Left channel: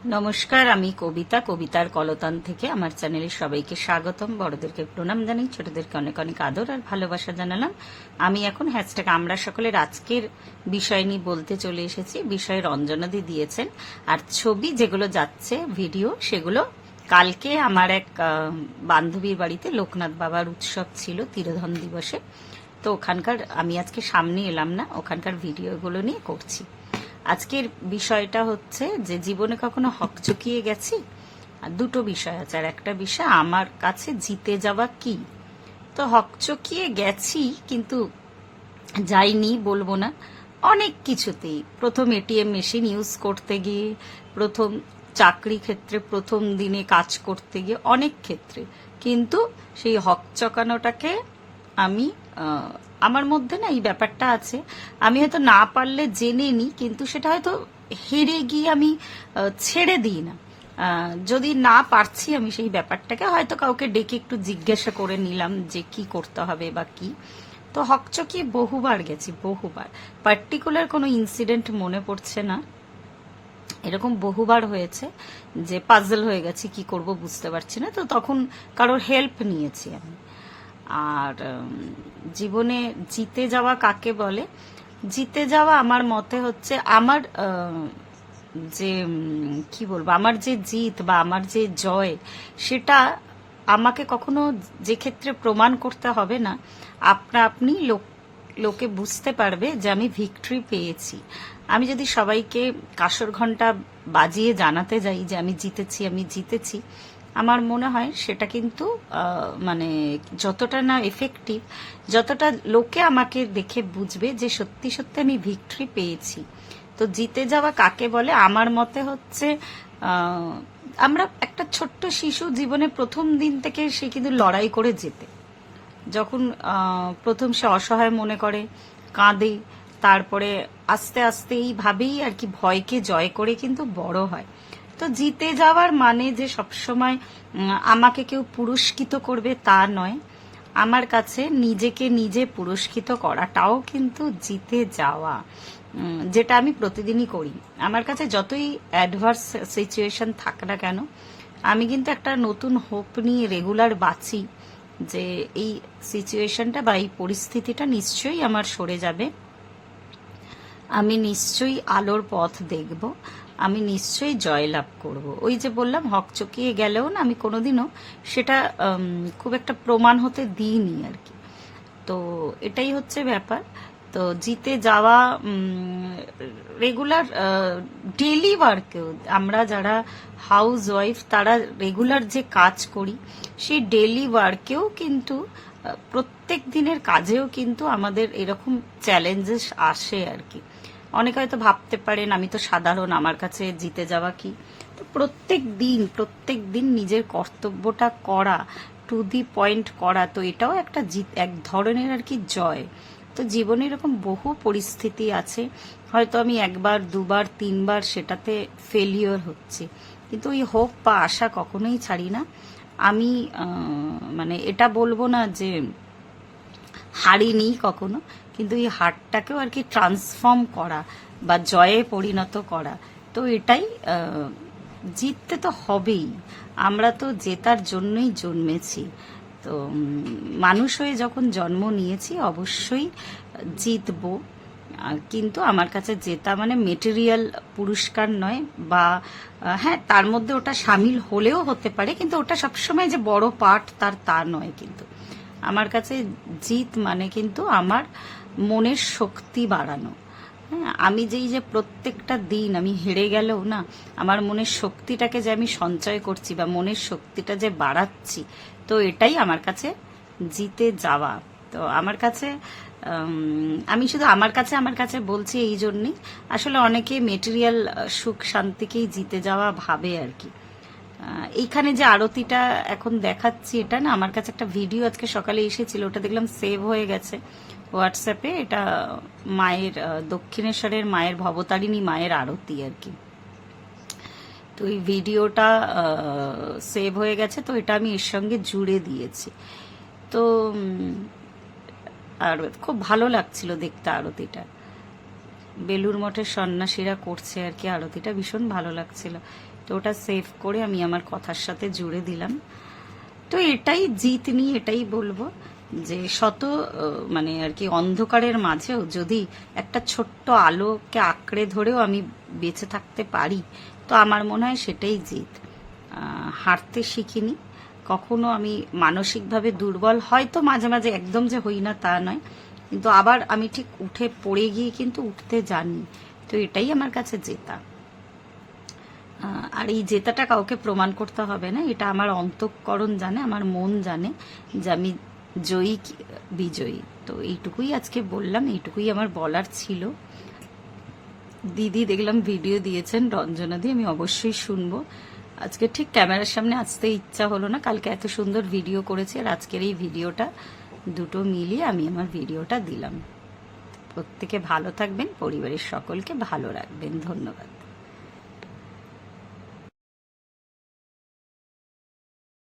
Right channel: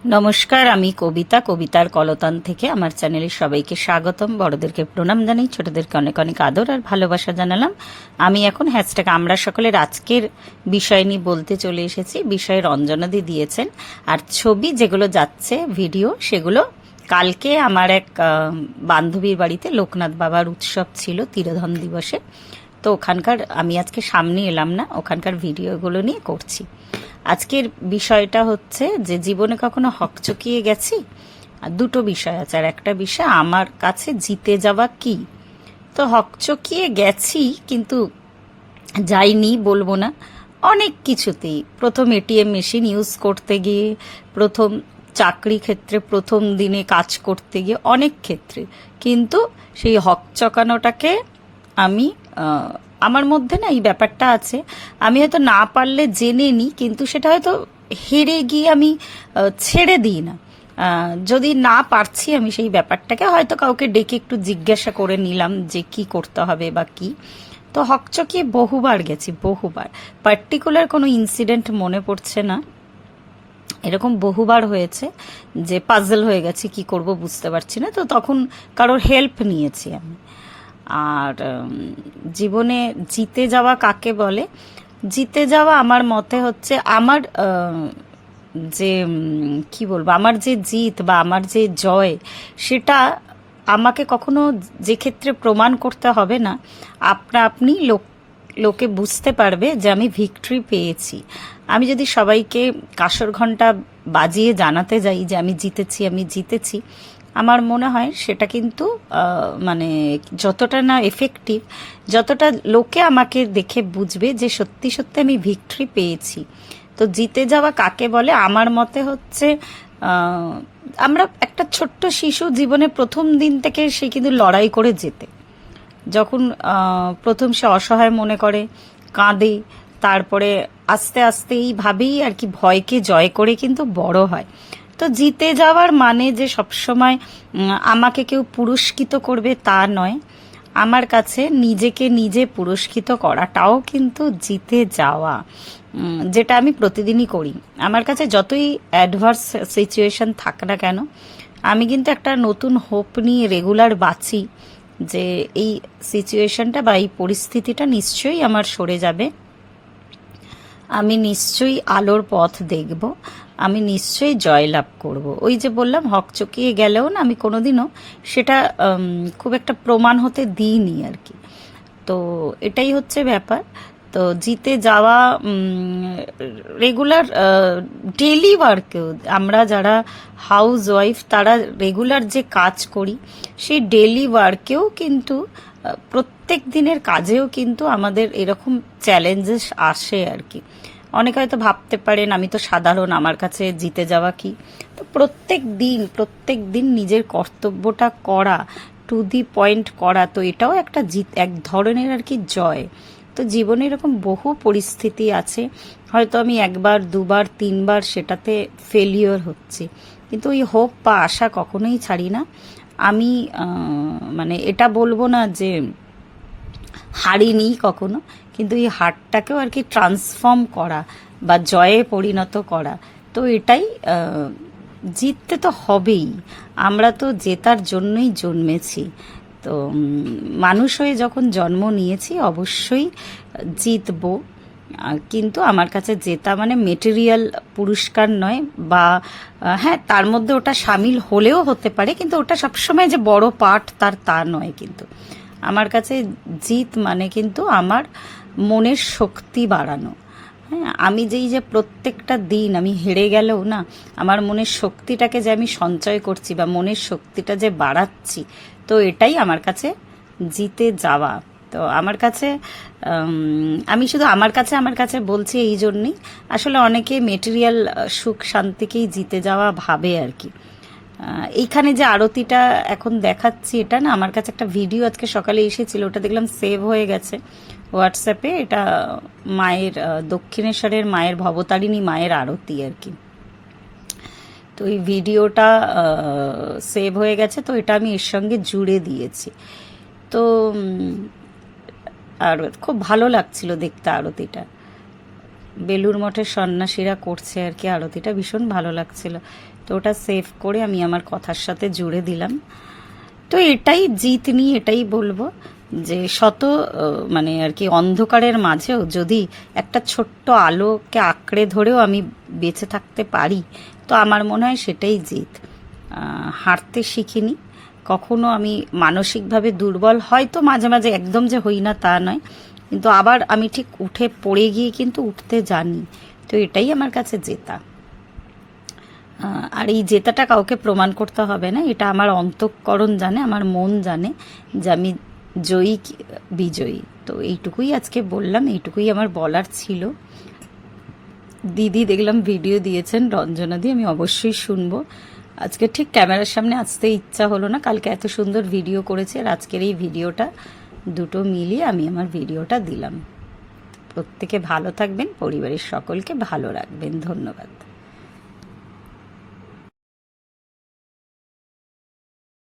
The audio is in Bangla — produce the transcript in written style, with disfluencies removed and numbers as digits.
নমস্কার, আমি কবিতা, কবিতার কলতান থেকে আমার চ্যানেলে সবাইকে স্বাগতম। বড়দেরকে প্রণাম জানাই, ছোটদেরকে অনেক অনেক আদর আর ভালোবাসা জানালাম। আমি এখন হ্যাশট্যাগ আমরা সকলের আজকের বিষয় নিয়ে বলতে চলে এসেছি। বিষয়ে রঞ্জনাদি দিয়েছেন, আর ছবি যেগুলো যাচ্ছে ভিডিও সেগুলো কালকে আমার এক বান্ধবীর বাড়িতে লোকনাথ বাবার উৎসব ছিল তিরোধন দিবসে। তো ওখানকার আমি আজকে সামনে এলাম না, ওখানকার ভিডিওগুলো নিয়ে করছি। আজকের বিষয়টা হচ্ছে যে জীবনে কখনো হকচকিয়ে গেছি। আর দুটো বিষয় আছে, আর একটা বিষয় আমার কাছে জিতে যাওয়া কি। তো হকচকিয়ে গেছি, কিন্তু যাইনি বলবো না। অনেক কিছুতেই প্রথম এটিএম মেশিন ইউজ করতে গিয়ে, প্রথম চাকরি ক্ষেত্রে, প্রথম দিনে কাজ করতে গিয়ে, অনেক ক্ষেত্রে কিন্তু সেই হকচকানোটাকে আমি আমার মধ্যে না এই ব্যাপারটা আছে। আমি হয়তো না পারলে জেনে নিই, কিন্তু সেটা হয়তো হেরে গিয়ে আমি ছেড়ে দিই না। যদি না পারছি আমি সেই ব্যাপারটাকে হয়তো কাউকে ডেকে একটু জিজ্ঞাসা করে নিলাম যে কি করতে হবে বা কি। তো হকচকিয়ে বহুবার গেছি, বহুবার। পার্টিকুলার কোনো ইনসিডেন্ট মনে পড়ছে না, এরকম বহুবার হয়েছে যে পাজল হয়ে গেছি, কি করব বুঝতে পারছি না। তো তখন কারোর হেল্প নিয়েছি আমি। আর জীবনে জিতে যাওয়া কাকে বলে? জিতে যাওয়া আমার মতে হচ্ছে আমার যে কি বলবো, আমার যে জিত বা আমার যে জয়, সেটা আমাকে কখনো যে ক্ষেত্রে প্রমাণ করতে হবে না। আপনা আপনি লোকে বুঝতে পারবে যে আমি ভিক্টরি পেয়েছি। আমি যদি সবাইকে কাঁসর ঘন্টা বাজিয়ে জানাতে যাই যে আমি জিতেছি, আমি জিতেছি, আমার মনে হয় সেটা কিন্তু মানে যতটা না এফেক্টিভ, যতটা লোকে আমাকে দেখে বুঝবে যে সত্যি সত্যি আমি ভিক্টরি পেয়েছি। তো জিতে যাওয়া কাকে বলে? আমার মতে হচ্ছে আমরা একটা ছোট্ট শিশু জীবনে প্রথম দিন থেকে সে কিন্তু লড়াই করে জেতে। যখন প্রথম সে অসহায় মনে করে, কাঁদে, তারপরে আস্তে আস্তে এইভাবেই আর কি ভয়কে জয় করে কিন্তু বড় হয়। তো জিতে যাওয়ার মানে যে সবসময় আমাকে কেউ পুরস্কৃত করবে তা নয়। আমার কাছে নিজেকে নিজে পুরস্কৃত করাটাও কিন্তু জিতে যাওয়া, যেটা আমি প্রতিদিনই করি। আমার কাছে যতই অ্যাডভার্স সিচুয়েশন থাক না কেন, আমি কিন্তু একটা নতুন হোপ নিয়ে রেগুলার বাঁচি যে এই সিচুয়েশনটা বা এই পরিস্থিতিটা নিশ্চয়ই আমার সরে যাবে, আমি নিশ্চয়ই আলোর পথ দেখব, আমি নিশ্চয়ই জয়লাভ করব। ওই যে বললাম, হকচকিয়ে গেলেও না আমি কোনোদিনও সেটা খুব একটা প্রমাণ হতে দিইনি আর কি। তো এটাই হচ্ছে ব্যাপার। তো জিতে যাওয়া রেগুলার ডেলি ওয়ার্কেও, আমরা যারা হাউস ওয়াইফ তারা রেগুলার যে কাজ করি, সেই ডেলি ওয়ার্কেও কিন্তু প্রত্যেক দিনের কাজেও কিন্তু আমাদের এরকম চ্যালেঞ্জেস আসে আর কি। অনেকে হয়তো ভাবতে পারেন আমি তো সাধারণ, আমার কাছে জিতে যাওয়া কি। তো প্রত্যেক দিন নিজের কর্তব্যটা করা, টু দি পয়েন্ট করা, তো এটাও একটা জিত, এক ধরনের আর কি জয়। তো জীবনে এরকম বহু পরিস্থিতি আছে, হয়তো আমি একবার দুবার তিনবার সেটাতে ফেলিওর হচ্ছে, কিন্তু ওই হোপ বা আশা কখনোই ছাড়ি না। আমি মানে এটা বলবো না যে হারিনি কখনো, কিন্তু এই হারটাকেও আর কি ট্রান্সফর্ম করা বা জয়ে পরিণত করা, তো এটাই জিততে তো হবেই। আমরা তো জেতার জন্যই জন্মেছি। তো মানুষ হয়ে যখন জন্ম নিয়েছি অবশ্যই জিতবো। কিন্তু আমার কাছে জেতা মানে মেটেরিয়াল পুরস্কার নয়, বা হ্যাঁ তার মধ্যে ওটা সামিল হলেও হতে পারে, কিন্তু ওটা সবসময় যে বড় পার্ট তা নয়। কিন্তু আমার কাছে জিত মানে কিন্তু আমার মনের শক্তি বাড়ানো। হ্যাঁ, আমি যে প্রত্যেকটা দিন আমি হেরে গেলেও না, আমার মনের শক্তিটাকে যে আমি সঞ্চয় করছি বা মনের শক্তিটা যে বাড়াচ্ছি, তো এটাই আমার কাছে জিতে যাওয়া। তো আমার কাছে আমি শুধু আমার কাছে বলছি এই জন্যই, আসলে অনেকে মেটেরিয়াল সুখ শান্তিকেই জিতে যাওয়া ভাবে আর কি। এইখানে যে আরতিটা এখন দেখাচ্ছি, এটা না আমার কাছে একটা ভিডিও আজকে সকালে এসেছিল, ওটা দেখলাম সেভ হয়ে গেছে হোয়াটসঅ্যাপে। এটা মায়ের দক্ষিণেশ্বরের মায়ের, ভবতারিণী মায়ের আরতি আর কি। তো এই ভিডিওটা সেভ হয়ে গেছে, তো এটা আমি এর সঙ্গে জুড়ে দিয়েছি। তো আর খুব ভালো লাগছিল দেখতে আরতিটা। বেলুর মঠের সন্ন্যাসীরা করছে আর কি আরতিটা, ভীষণ ভালো লাগছিল। তো ওটা সেভ করে আমি আমার কথার সাথে জুড়ে দিলাম। তো এটাই জিত নিয়ে এটাই বলবো যে শত মানে আর কি অন্ধকারের মাঝেও যদি একটা ছোট্ট আলোকে আঁকড়ে ধরেও আমি বেঁচে থাকতে পারি, তো আমার মনে হয় সেটাই জিত। হাঁটতে শিখিনি কখনো, আমি মানসিকভাবে দুর্বল হয়তো মাঝে মাঝে, একদম যে হই না তা নয়, কিন্তু আবার আমি ঠিক উঠে পড়ে গিয়ে কিন্তু উঠতে জানি। তো এটাই আমার কাছে জেতা। আর এই জেতাটা কাউকে প্রমাণ করতে হবে না, এটা আমার অন্তঃকরণ জানে, আমার মন জানে যে আমি জয়ী বিজয়ী। তো এইটুকুই আজকে বললাম, এইটুকুই আমার বলার ছিল। দিদি দেখলাম ভিডিও দিয়েছেন রঞ্জনা দি, আমি অবশ্যই শুনবো। আজকে ঠিক ক্যামেরার সামনে আসতে ইচ্ছা হলো না, কালকে এত সুন্দর ভিডিও করেছে আর আজকের এই ভিডিওটা, দুটো মিলিয়ে আমি আমার ভিডিওটা দিলাম। প্রত্যেকে ভালো থাকবেন, পরিবারের সকলকে ভালো রাখবেন। ধন্যবাদ।